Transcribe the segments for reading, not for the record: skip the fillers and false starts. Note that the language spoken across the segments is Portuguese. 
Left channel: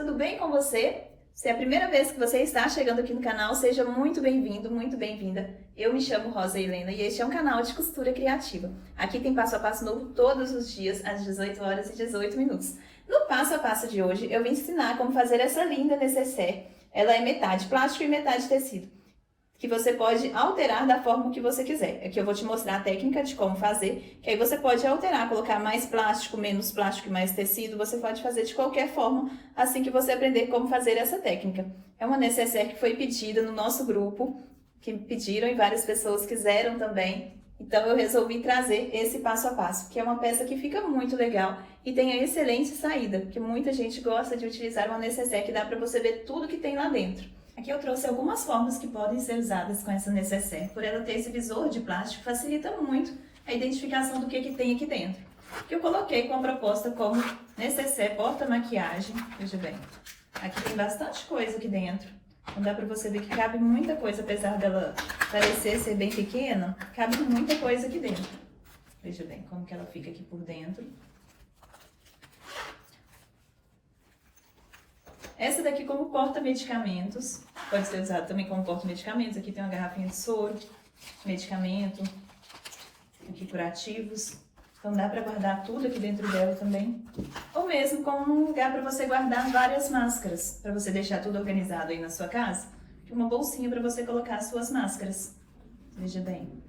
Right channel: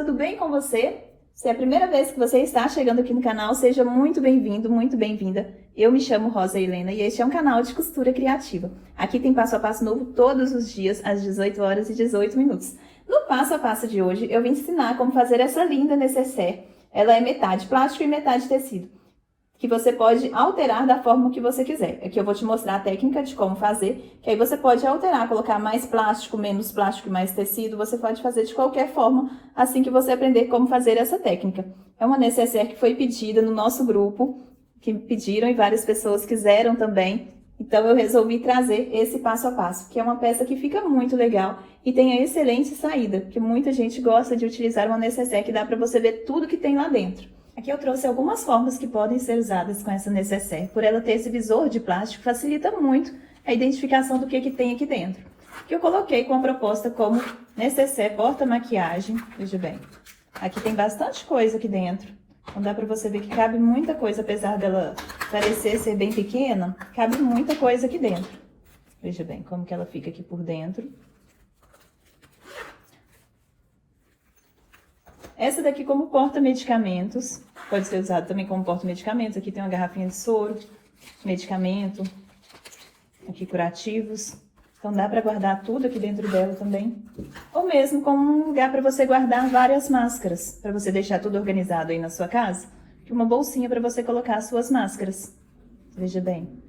tudo bem com você? Se é a primeira vez que você está chegando aqui no canal, seja muito bem-vindo, muito bem-vinda. Eu me chamo Rosa Helena e este é um canal de costura criativa. Aqui tem passo a passo novo todos os dias, às 18 horas e 18 minutos. No passo a passo de hoje, eu vou ensinar como fazer essa linda nécessaire. Ela é metade plástico e metade tecido, que você pode alterar da forma que você quiser. Aqui eu vou te mostrar a técnica de como fazer, que aí você pode alterar, colocar mais plástico, menos plástico e mais tecido. Você pode fazer de qualquer forma, assim que você aprender como fazer essa técnica. É uma nécessaire que foi pedida no nosso grupo, que pediram e várias pessoas quiseram também. Então eu resolvi trazer esse passo a passo, que é uma peça que fica muito legal e tem a excelente saída, porque muita gente gosta de utilizar uma nécessaire que dá para você ver tudo que tem lá dentro. Aqui eu trouxe algumas formas que podem ser usadas com essa nécessaire. Por ela ter esse visor de plástico, facilita muito a identificação do que tem aqui dentro. Que eu coloquei com a proposta como nécessaire porta-maquiagem. Veja bem, aqui tem bastante coisa aqui dentro. Então dá pra você ver que cabe muita coisa, apesar dela parecer ser bem pequena, cabe muita coisa aqui dentro. Veja bem como que ela fica aqui por dentro. Essa daqui como porta-medicamentos, pode ser usada também como porta-medicamentos. Aqui tem uma garrafinha de soro, medicamento, aqui curativos. Então dá para guardar tudo aqui dentro dela também. Ou mesmo como um lugar para você guardar várias máscaras, para você deixar tudo organizado aí na sua casa. E uma bolsinha para você colocar as suas máscaras. Veja bem,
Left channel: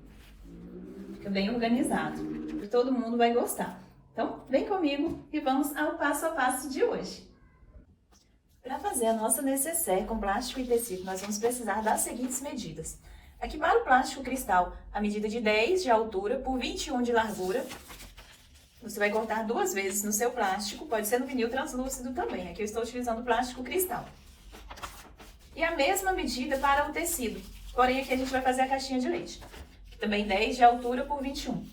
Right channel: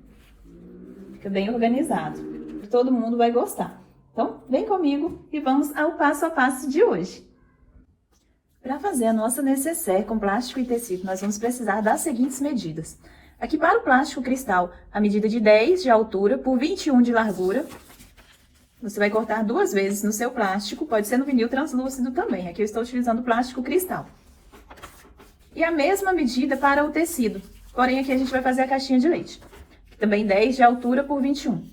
fica bem organizado. Todo mundo vai gostar. Então vem comigo e vamos ao passo a passo de hoje. Para fazer a nossa nécessaire com plástico e tecido, nós vamos precisar das seguintes medidas. Aqui para o plástico cristal, a medida de 10 de altura por 21 de largura. Você vai cortar 2 vezes no seu plástico, pode ser no vinil translúcido também. Aqui eu estou utilizando plástico cristal. E a mesma medida para o tecido, porém aqui a gente vai fazer a caixinha de leite. Também 10 de altura por 21.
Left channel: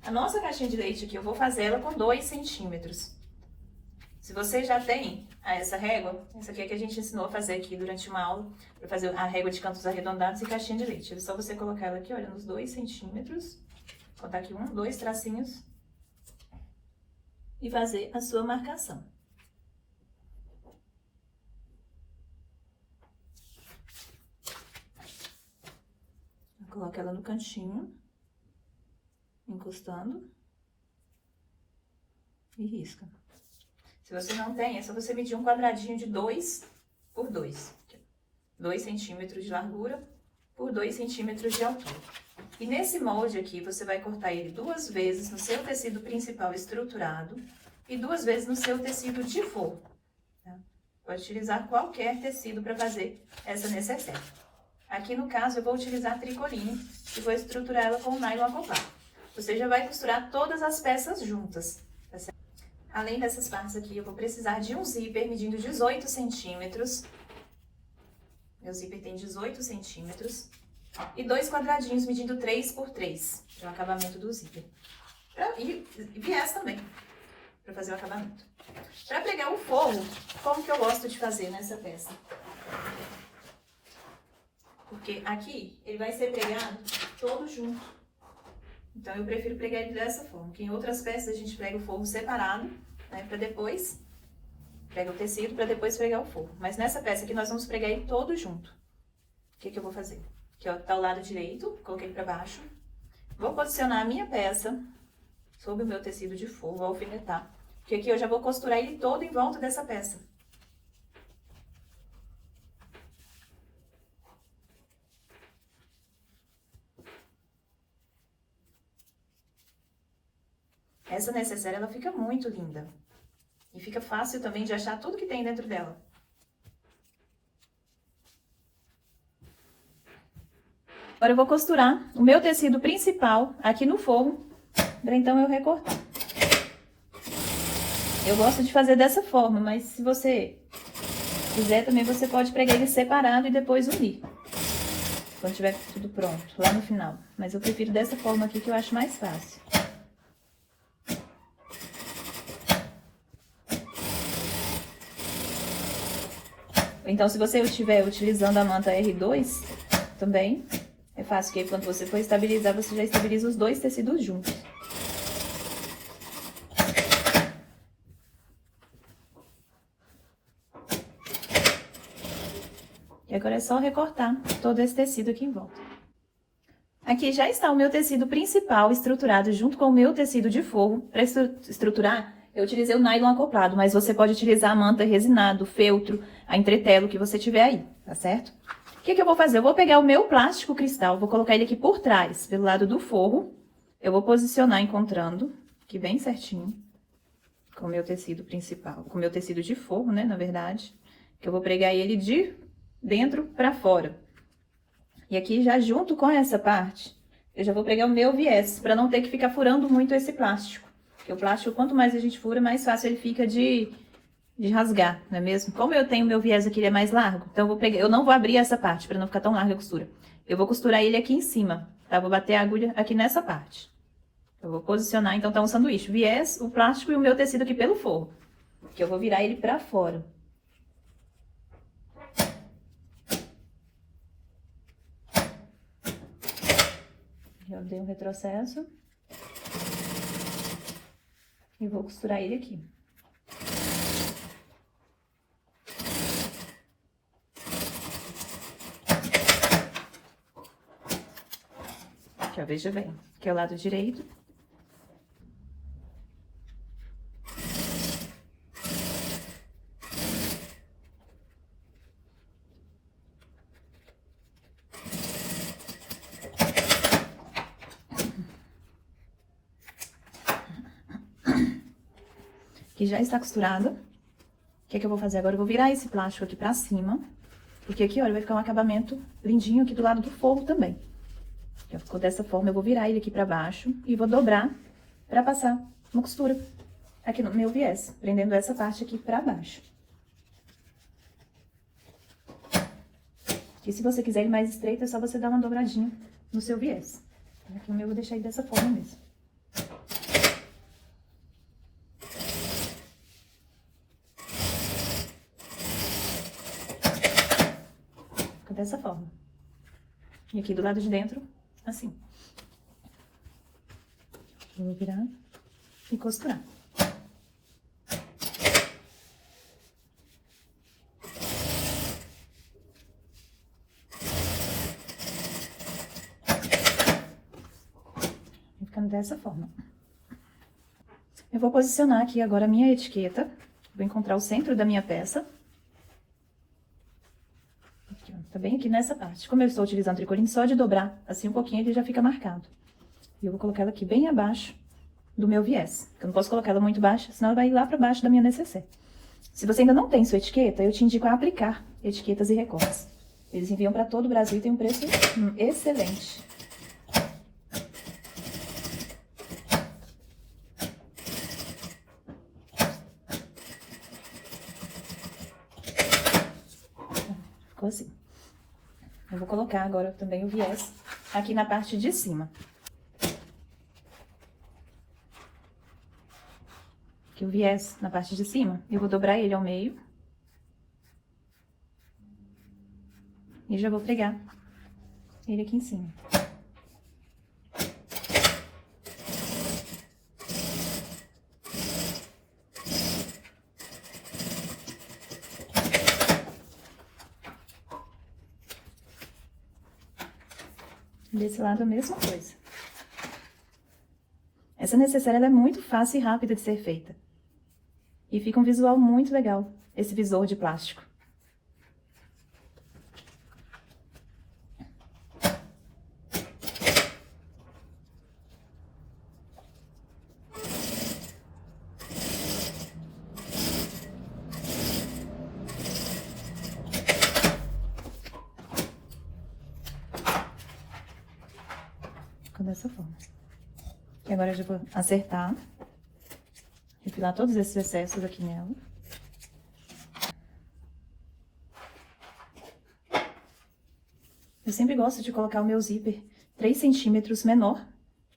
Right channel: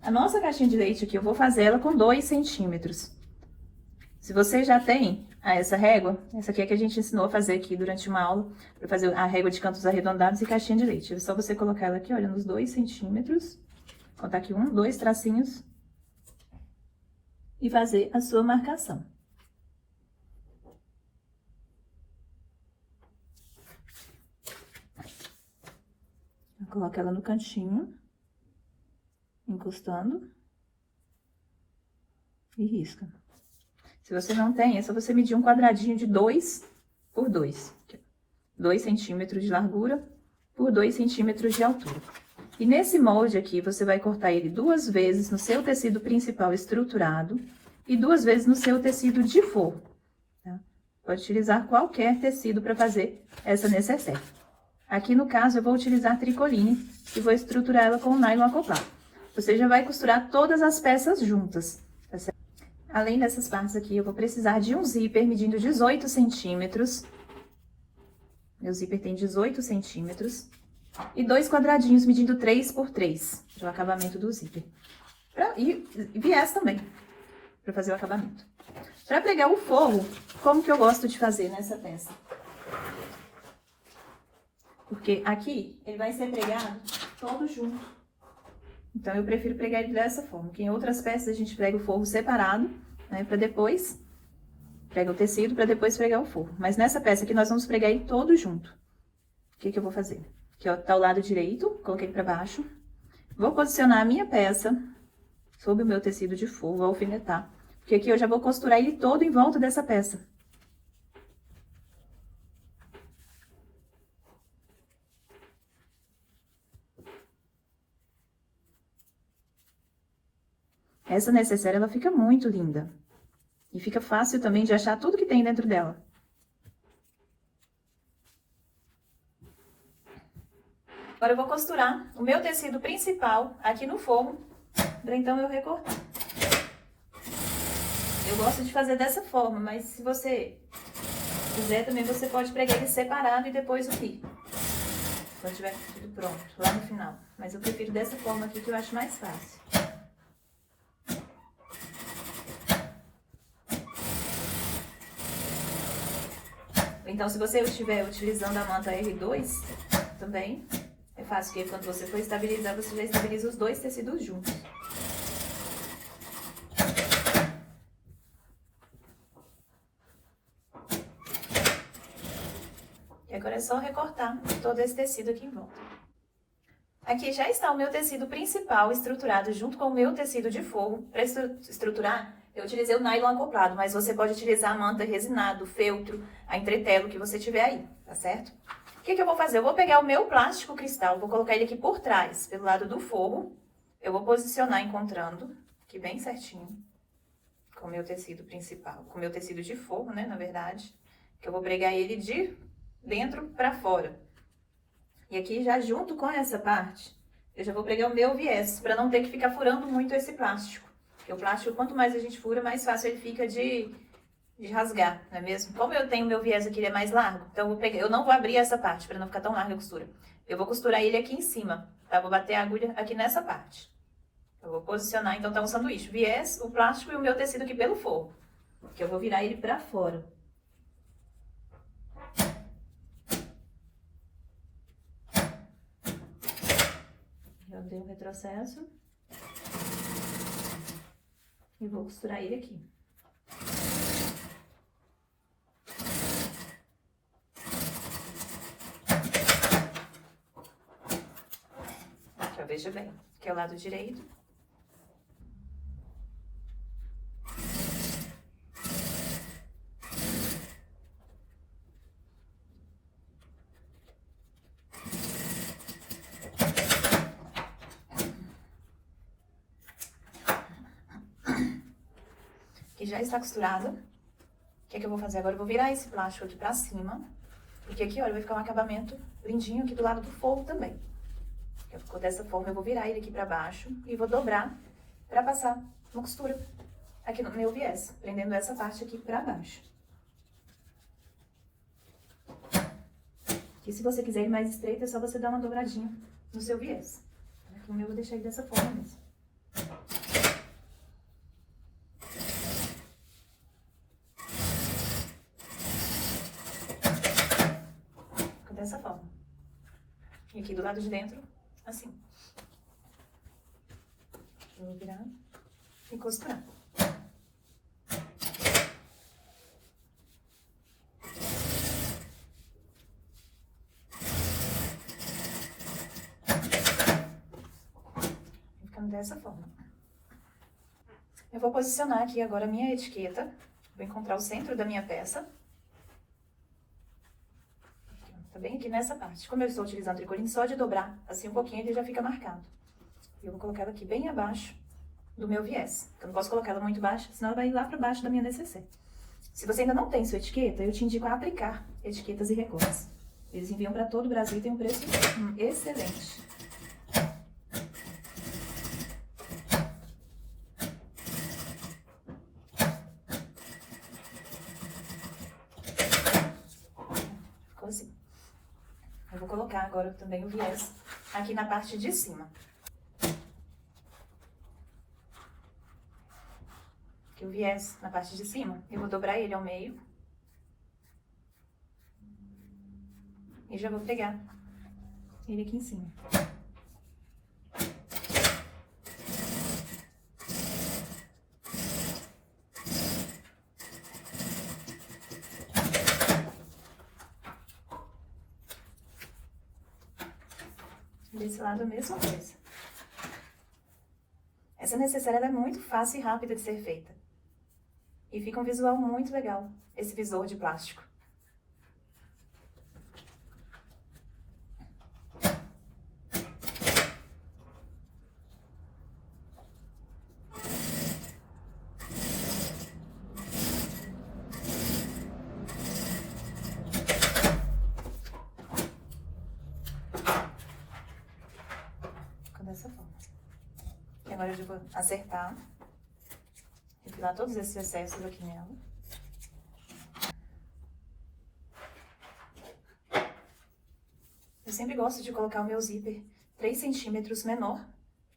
A nossa caixinha de leite aqui eu vou fazer ela com 2 centímetros. Se você já tem essa régua, essa aqui é que a gente ensinou a fazer aqui durante uma aula, para fazer a régua de cantos arredondados e caixinha de leite. É só você colocar ela aqui, olha, nos 2 centímetros, contar aqui 1, 2 tracinhos, e fazer a sua marcação. Coloca ela no cantinho, encostando, e risca. Se você não tem, é só você medir um quadradinho de 2 por 2. 2 centímetros de largura por 2 centímetros de altura. E nesse molde aqui, você vai cortar ele 2 vezes no seu tecido principal estruturado e 2 vezes no seu tecido de forro. Tá? Pode utilizar qualquer tecido para fazer essa nécessaire. Aqui no caso, eu vou utilizar tricoline e vou estruturar ela com o nylon acoplado. Você já vai costurar todas as peças juntas. Além dessas partes aqui, eu vou precisar de um zíper medindo 18 centímetros. Meu zíper tem 18 centímetros. E 2 quadradinhos medindo 3 por 3, do acabamento do zíper. E viés também, para fazer o acabamento. Para pregar o forro, como que eu gosto de fazer nessa peça? Porque aqui, ele vai ser pregado todo junto. Então, eu prefiro pregar ele dessa forma, que em outras peças a gente prega o forro separado, né, para depois, prega o tecido para depois pregar o forro. Mas nessa peça aqui, nós vamos pregar ele todo junto. O que que eu vou fazer? Aqui, ó, tá o lado direito, coloquei ele para baixo. Vou posicionar a minha peça sobre o meu tecido de forro, vou alfinetar. Porque aqui eu já vou costurar ele todo em volta dessa peça. Essa nécessaire, ela fica muito linda. E fica fácil também de achar tudo que tem dentro dela. Agora eu vou costurar o meu tecido principal aqui no forro, para então eu recortar. Eu gosto de fazer dessa forma, mas se você quiser também, você pode pregar ele separado e depois unir. Quando tiver tudo pronto, lá no final. Mas eu prefiro dessa forma aqui que eu acho mais fácil. Então, se você estiver utilizando a manta R2, também é fácil, que quando você for estabilizar, você já estabiliza os 2 tecidos juntos. E agora é só recortar todo esse tecido aqui em volta. Aqui já está o meu tecido principal estruturado junto com o meu tecido de forro. Para estruturar, eu utilizei o nylon acoplado, mas você pode utilizar a manta resinado, feltro, a entretelo que você tiver aí, tá certo? O que eu vou fazer? Eu vou pegar o meu plástico cristal, vou colocar ele aqui por trás, pelo lado do forro. Eu vou posicionar encontrando, aqui bem certinho, com o meu tecido principal, com o meu tecido de forro, né, na verdade. Que eu vou pregar ele de dentro para fora. E aqui já junto com essa parte, eu já vou pregar o meu viés, para não ter que ficar furando muito esse plástico. Porque o plástico, quanto mais a gente fura, mais fácil ele fica de rasgar, não é mesmo? Como eu tenho o meu viés aqui, ele é mais largo, então eu não vou abrir essa parte, para não ficar tão larga a costura. Eu vou costurar ele aqui em cima, tá? Vou bater a agulha aqui nessa parte. Eu vou posicionar, então, tá um sanduíche, o viés, o plástico e o meu tecido aqui pelo forro. Que eu vou virar ele para fora. Já dei um retrocesso. E vou costurar ele aqui. Aqui, ó, veja bem. Aqui é o lado direito. Que já está costurado. O que eu vou fazer agora? Eu vou virar esse plástico aqui pra cima. Porque aqui, olha, vai ficar um acabamento lindinho aqui do lado do forro também. Ficou dessa forma, eu vou virar ele aqui pra baixo e vou dobrar pra passar uma costura aqui no meu viés, prendendo essa parte aqui pra baixo. E se você quiser ele mais estreito, é só você dar uma dobradinha no seu viés. Aqui o meu eu vou deixar ele dessa forma mesmo. Dessa forma. E aqui do lado de dentro, assim. Eu vou virar e costurar. Vai ficando dessa forma. Eu vou posicionar aqui agora a minha etiqueta. Vou encontrar o centro da minha peça. Tá bem aqui nessa parte. Como eu estou utilizando tricoline, só de dobrar assim um pouquinho ele já fica marcado. E eu vou colocar ela aqui bem abaixo do meu viés. Eu não posso colocar ela muito baixa, senão ela vai ir lá pra baixo da minha necessaire. Se você ainda não tem sua etiqueta, eu te indico a aplicar etiquetas e recortes. Eles enviam para todo o Brasil e tem um preço excelente. Ficou assim. Eu vou colocar agora também o viés aqui na parte de cima. Aqui o viés na parte de cima, eu vou dobrar ele ao meio. E já vou pregar ele aqui em cima. Desse lado a mesma coisa. Essa necessaire ela é muito fácil e rápida de ser feita. E fica um visual muito legal, esse visor de plástico. Dessa forma. E agora eu já vou acertar, refilar todos esses excessos aqui nela. Eu sempre gosto de colocar o meu zíper 3 centímetros menor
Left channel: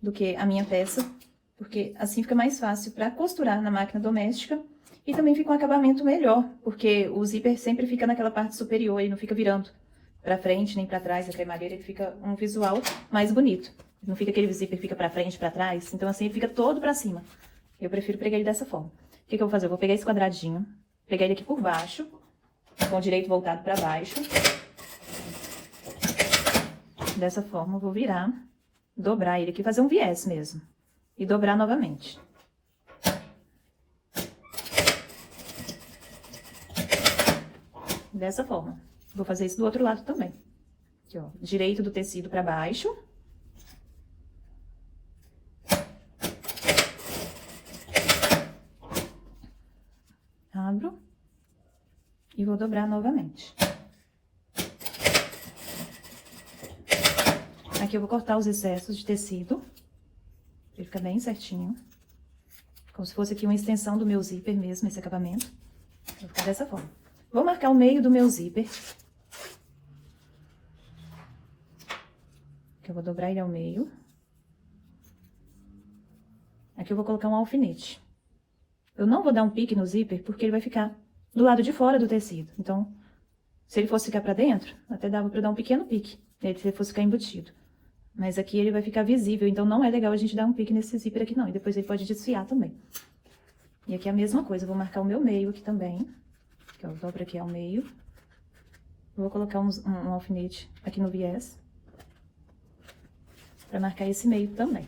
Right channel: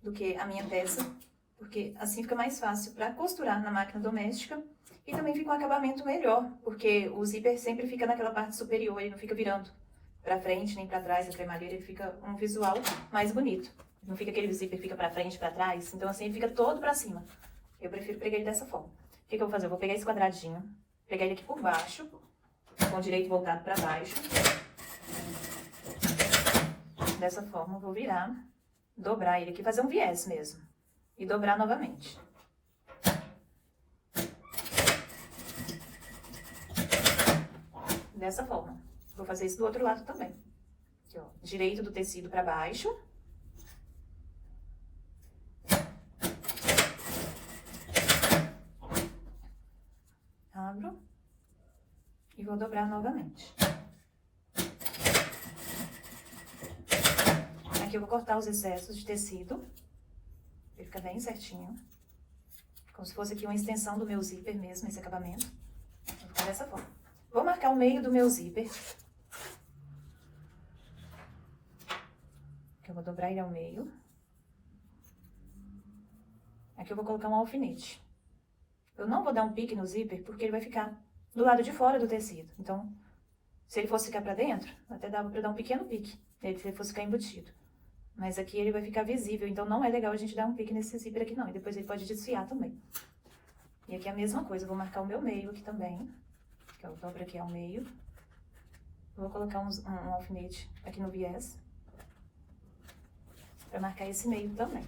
do que a minha peça, porque assim fica mais fácil para costurar na máquina doméstica e também fica um acabamento melhor, porque o zíper sempre fica naquela parte superior e não fica virando para frente nem para trás, a cremalheira, ele fica um visual mais bonito. Não fica aquele zíper, fica pra frente, pra trás. Então, assim, fica todo pra cima. Eu prefiro pregar ele dessa forma. O que eu vou fazer? Eu vou pegar esse quadradinho, pegar ele aqui por baixo, com o direito voltado pra baixo. Dessa forma, eu vou virar, dobrar ele aqui, fazer um viés mesmo. E dobrar novamente. Dessa forma. Vou fazer isso do outro lado também. Aqui, ó, direito do tecido pra baixo. Abro. E vou dobrar novamente. Aqui eu vou cortar os excessos de tecido. Ele fica bem certinho. Como se fosse aqui uma extensão do meu zíper mesmo, esse acabamento. Vou ficar dessa forma. Vou marcar o meio do meu zíper. Aqui eu vou dobrar ele ao meio. Aqui eu vou colocar um alfinete. Eu não vou dar um pique no zíper, porque ele vai ficar do lado de fora do tecido. Então, se ele fosse ficar pra dentro, até dava pra dar um pequeno pique, se ele fosse ficar embutido. Mas aqui ele vai ficar visível, então não é legal a gente dar um pique nesse zíper aqui não. E depois ele pode desfiar também. E aqui é a mesma coisa, eu vou marcar o meu meio aqui também. Aqui, ó, dobro aqui ao meio. Vou colocar um alfinete aqui no viés. Pra marcar esse meio também.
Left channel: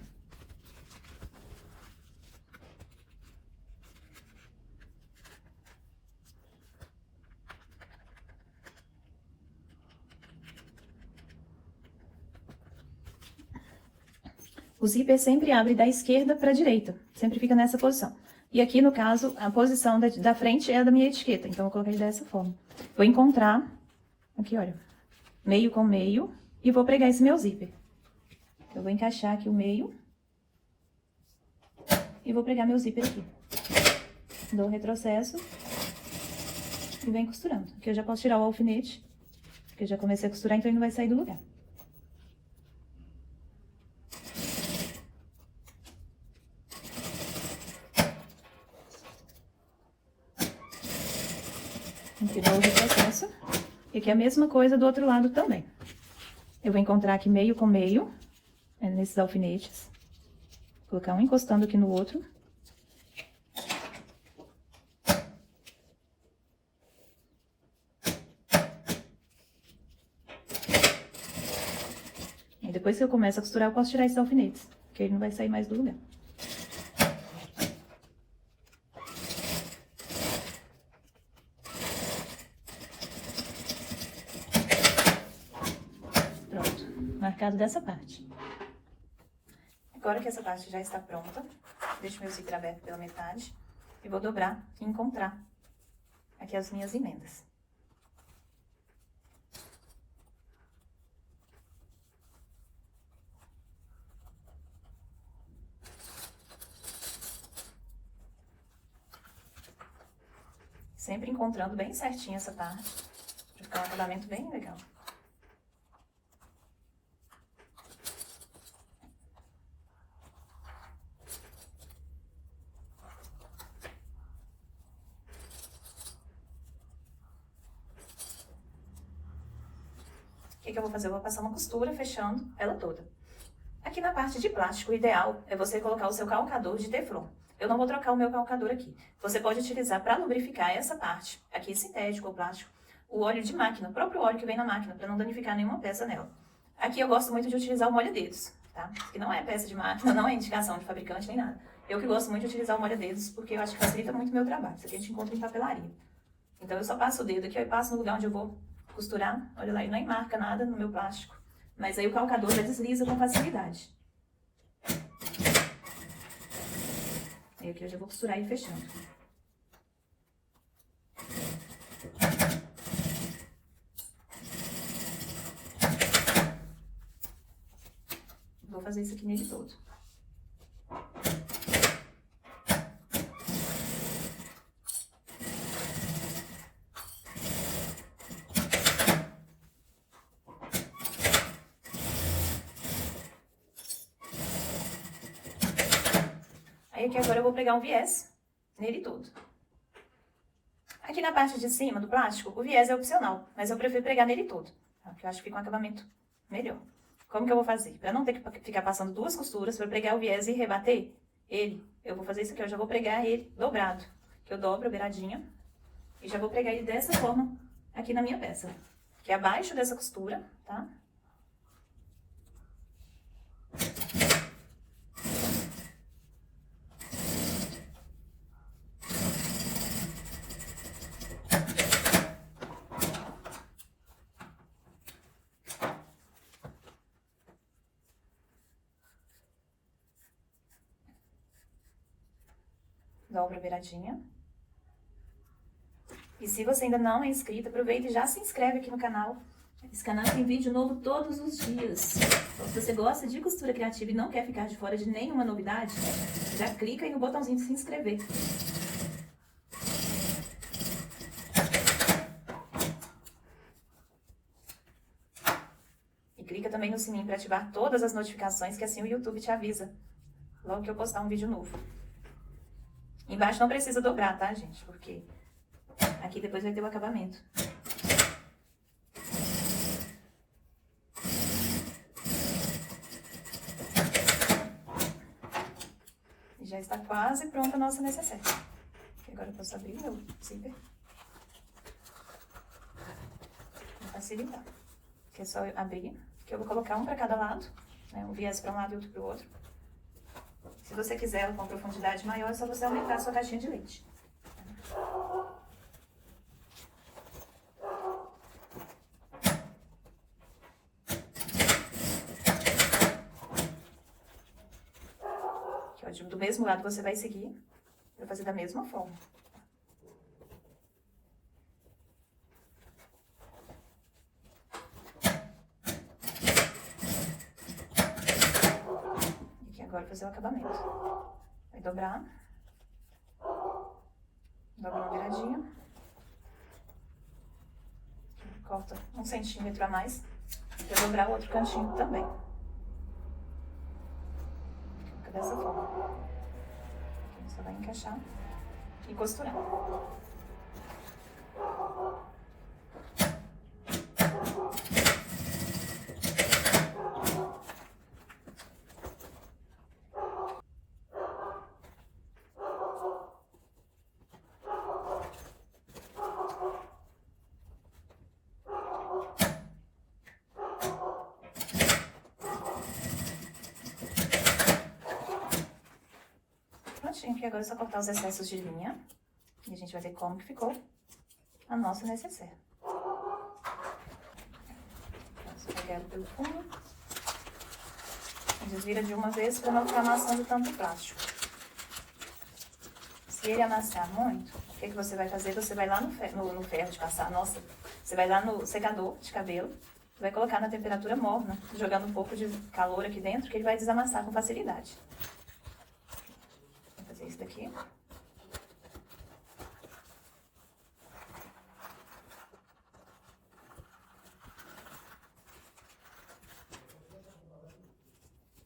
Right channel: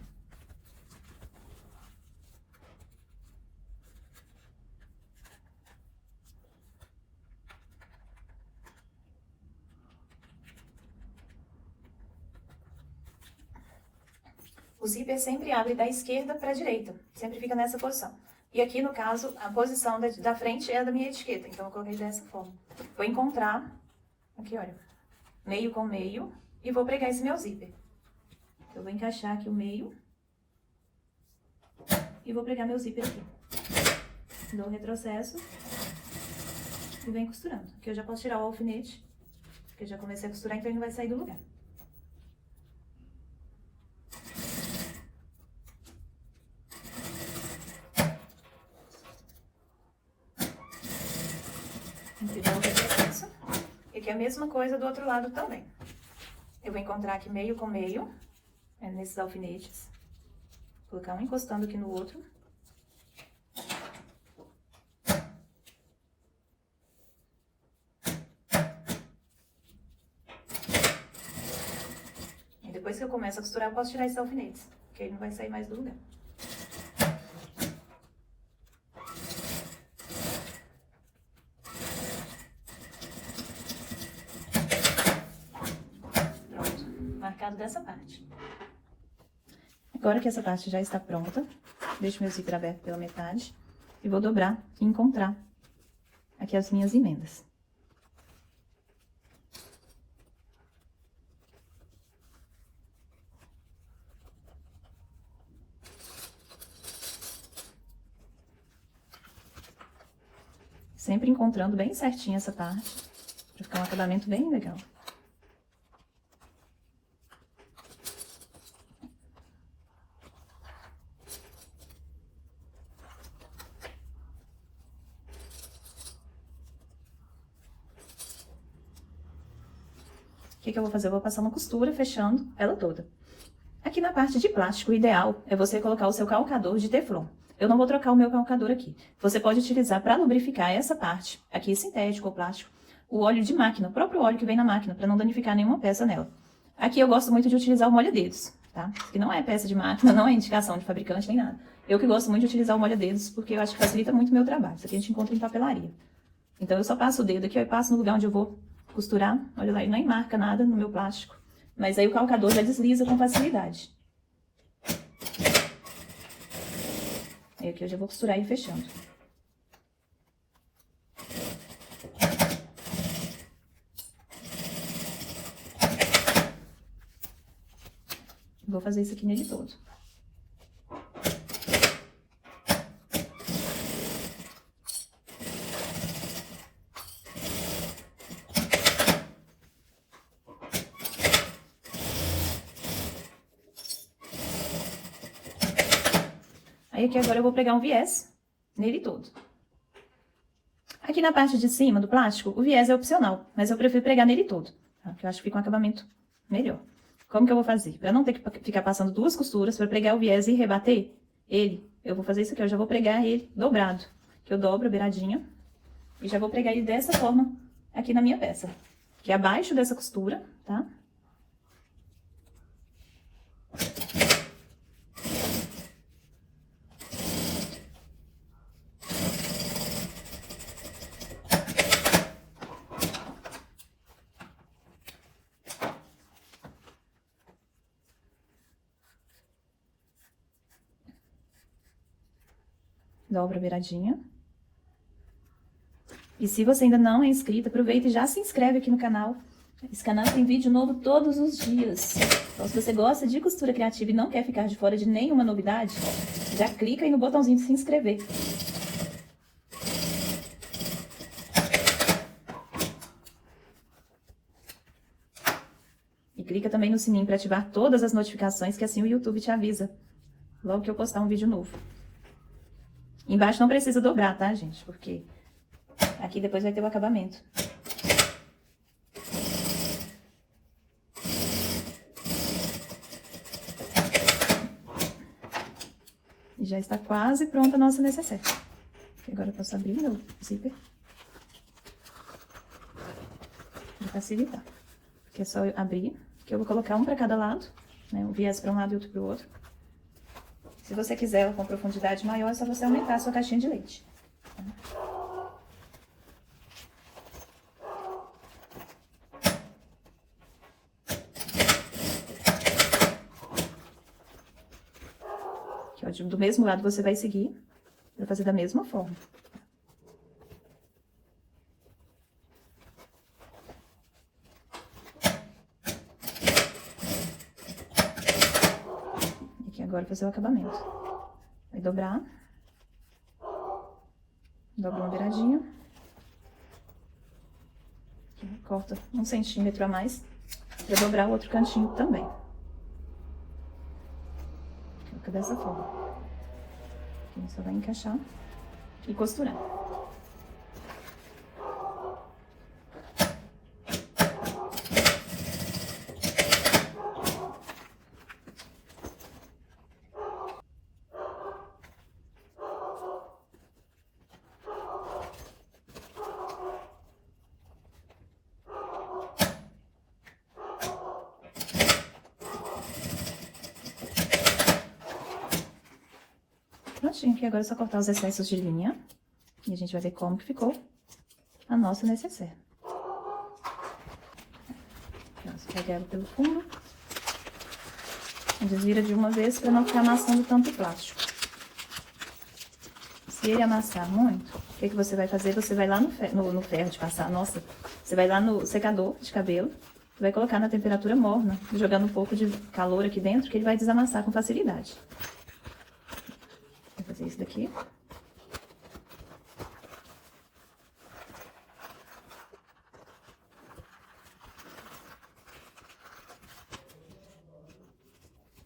O zíper sempre abre da esquerda para a direita, sempre fica nessa posição. E aqui, no caso, a posição da frente é a da minha etiqueta, então eu coloquei dessa forma. Vou encontrar, aqui, olha, meio com meio, e vou pregar esse meu zíper. Eu vou encaixar aqui o meio, e vou pregar meu zíper aqui. Dou o retrocesso, e venho costurando. Aqui eu já posso tirar o alfinete, porque eu já comecei a costurar, então ele não vai sair do lugar. Aqui dou o retrocesso. E aqui é a mesma coisa do outro lado também. Eu vou encontrar aqui meio com meio, nesses alfinetes. Colocar um encostando aqui no outro. E depois que eu começo a costurar, eu posso tirar esses alfinetes, porque ele não vai sair mais do lugar. Dessa parte. Agora que essa parte já está pronta, deixo meu zíper aberto pela metade e vou dobrar e encontrar aqui as minhas emendas. Sempre encontrando bem certinho essa parte, para ficar um acabamento bem legal. O que eu vou fazer? Eu vou passar uma costura fechando ela toda. Aqui na parte de plástico, o ideal é você colocar o seu calcador de teflon. Eu não vou trocar o meu calcador aqui. Você pode utilizar para lubrificar essa parte, aqui sintético ou plástico, o óleo de máquina, o próprio óleo que vem na máquina, para não danificar nenhuma peça nela. Aqui eu gosto muito de utilizar o molha-dedos, tá? Que não é peça de máquina, não é indicação de fabricante nem nada. Eu que gosto muito de utilizar o molha-dedos porque eu acho que facilita muito o meu trabalho. Isso aqui a gente encontra em papelaria. Então eu só passo o dedo aqui, eu passo no lugar onde eu vou costurar. Olha lá, ele nem marca nada no meu plástico. Mas aí o calcador já desliza com facilidade. Aí aqui eu já vou costurar ele fechando. Vou fazer isso aqui nele todo. Aí aqui agora eu vou pregar um viés nele todo. Aqui na parte de cima do plástico, o viés é opcional, mas eu prefiro pregar nele todo, tá? Porque eu acho que fica um acabamento melhor. Como que eu vou fazer? Para não ter que ficar passando duas costuras, para pregar o viés e rebater ele, eu vou fazer isso aqui, eu já vou pregar ele dobrado. Que eu dobro beiradinho e já vou pregar ele dessa forma aqui na minha peça. aqui abaixo dessa costura, tá? Dobra a beiradinha. E se você ainda não é inscrito, aproveita e já se inscreve aqui no canal. Esse canal tem vídeo novo todos os dias. Então, se você gosta de costura criativa e não quer ficar de fora de nenhuma novidade, já clica aí no botãozinho de se inscrever. E clica também no sininho para ativar todas as notificações, que assim o YouTube te avisa logo que eu postar um vídeo novo. Embaixo não precisa dobrar, tá, gente? Porque aqui depois vai ter o acabamento. E já está quase pronta a nossa necessaire. Agora eu posso abrir o meu zíper. Para facilitar. Porque é só eu abrir, que eu vou colocar um para cada lado, né? Um viés para um lado e outro para o outro. Se você quiser ela com profundidade maior, é só você aumentar a sua caixinha de leite. Aqui, ó, do mesmo lado você vai seguir para fazer da mesma forma. Agora fazer o acabamento. Vai dobrar. Dobra uma beiradinha. Corta 1 centímetro a mais para dobrar o outro cantinho também. Fica dessa forma. Aqui você vai encaixar e costurar. Prontinho, que agora é só cortar os excessos de linha. E a gente vai ver como que ficou a nossa necessaire. Vamos pegar ela pelo fundo. Desvira de uma vez para não ficar amassando tanto plástico. Se ele amassar muito, o que você vai fazer? Você vai lá no ferro de passar, nossa, você vai lá no secador de cabelo, vai colocar na temperatura morna, jogando um pouco de calor aqui dentro, que ele vai desamassar com facilidade. Vou fazer isso daqui.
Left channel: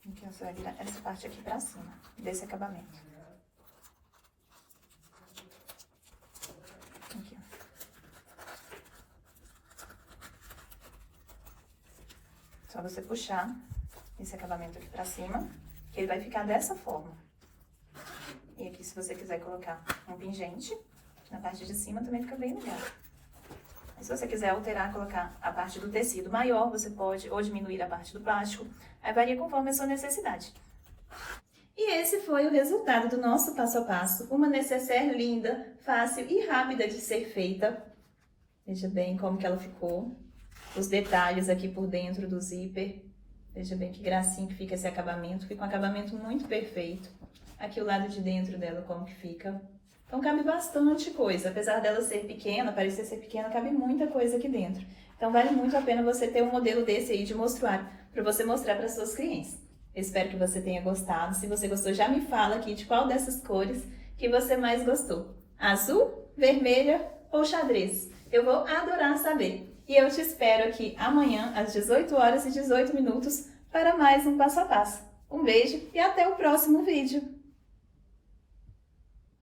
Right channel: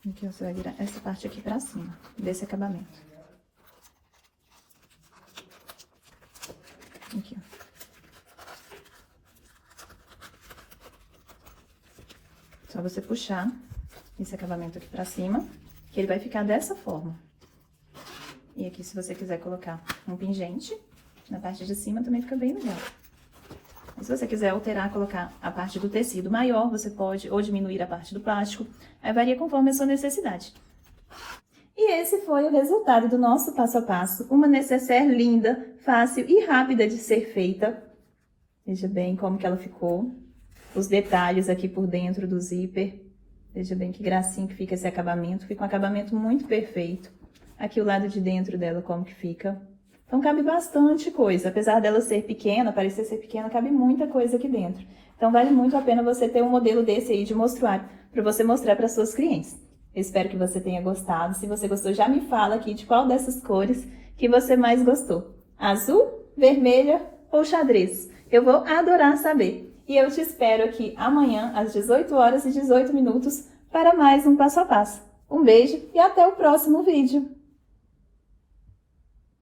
Aqui você vai virar essa parte aqui pra cima, desse acabamento. Aqui, ó. Só você puxar esse acabamento aqui pra cima, que ele vai ficar dessa forma. E aqui, se você quiser colocar um pingente, na parte de cima também fica bem legal. E se você quiser alterar, colocar a parte do tecido maior, você pode, ou diminuir a parte do plástico, aí varia conforme a sua necessidade. E esse foi o resultado do nosso passo a passo. Uma necessaire linda, fácil e rápida de ser feita. Veja bem como que ela ficou. Os detalhes aqui por dentro do zíper. Veja bem que gracinha que fica esse acabamento. Fica um acabamento muito perfeito. Aqui o lado de dentro dela como que fica. Então cabe bastante coisa. Apesar dela ser pequena, parecer ser pequena, cabe muita coisa aqui dentro. Então vale muito a pena você ter um modelo desse aí de mostruário para você mostrar para suas clientes. Espero que você tenha gostado. Se você gostou, já me fala aqui de qual dessas cores que você mais gostou. Azul, vermelha ou xadrez? Eu vou adorar saber. E eu te espero aqui amanhã, às 18h18, para mais um passo a passo. Um beijo e até o próximo vídeo!